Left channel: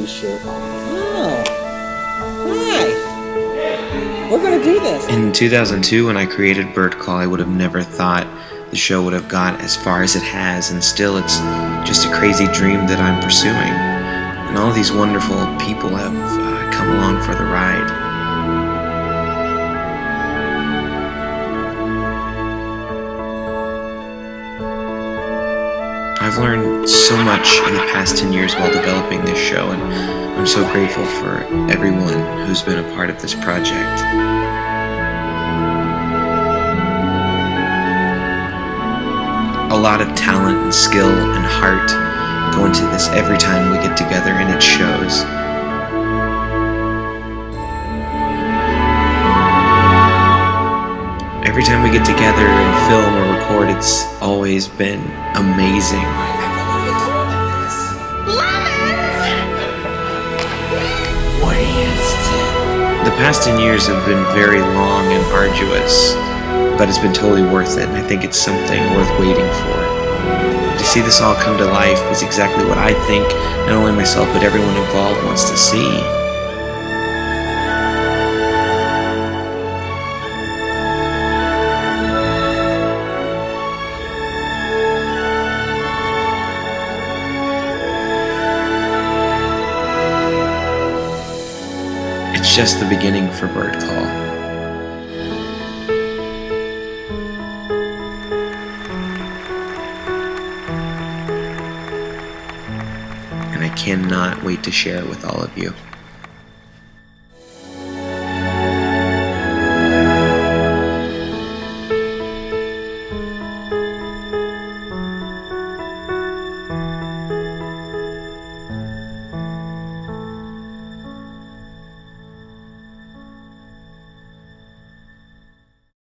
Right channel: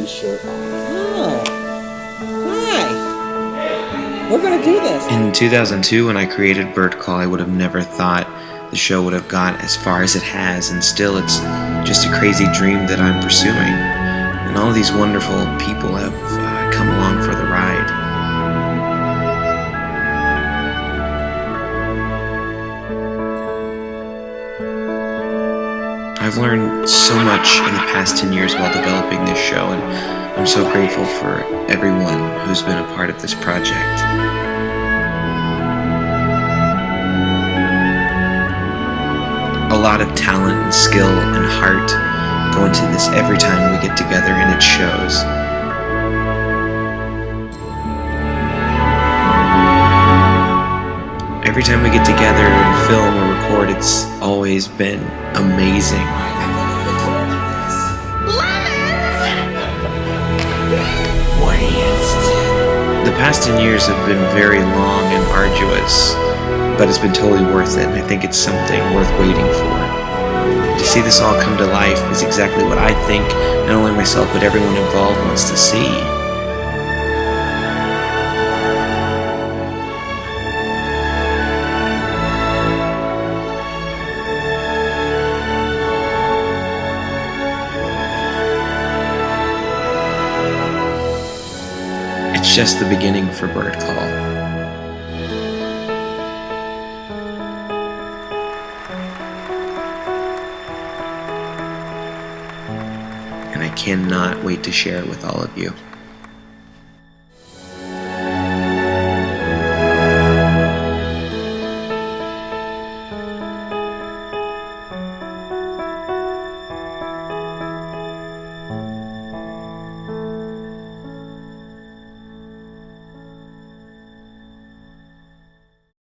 we shirt off. Oh. Hi. We're gonna do this. In 2002, when I created Bird Call, I would have never thought the show would have got as far as it has, and still it's just a crazy dream that I'm pursuing. And all these wonderful people have come along for the ride. I've learned so much in the past 10 years while developing this show, and I'm so grateful for everyone who's been a part of this project. A lot of talent and skill and heart go into this every time we get together, and it shows. Every time we get together and film or record, it's always been amazing. The past 10 years have been very long and arduous, but it's been totally worth it, and I think it's something worth waiting for. To see this all come to life is exactly what I think not only myself but everyone involved wants to see. It's just the beginning for Bird Call. And I cannot wait to share it with all of you.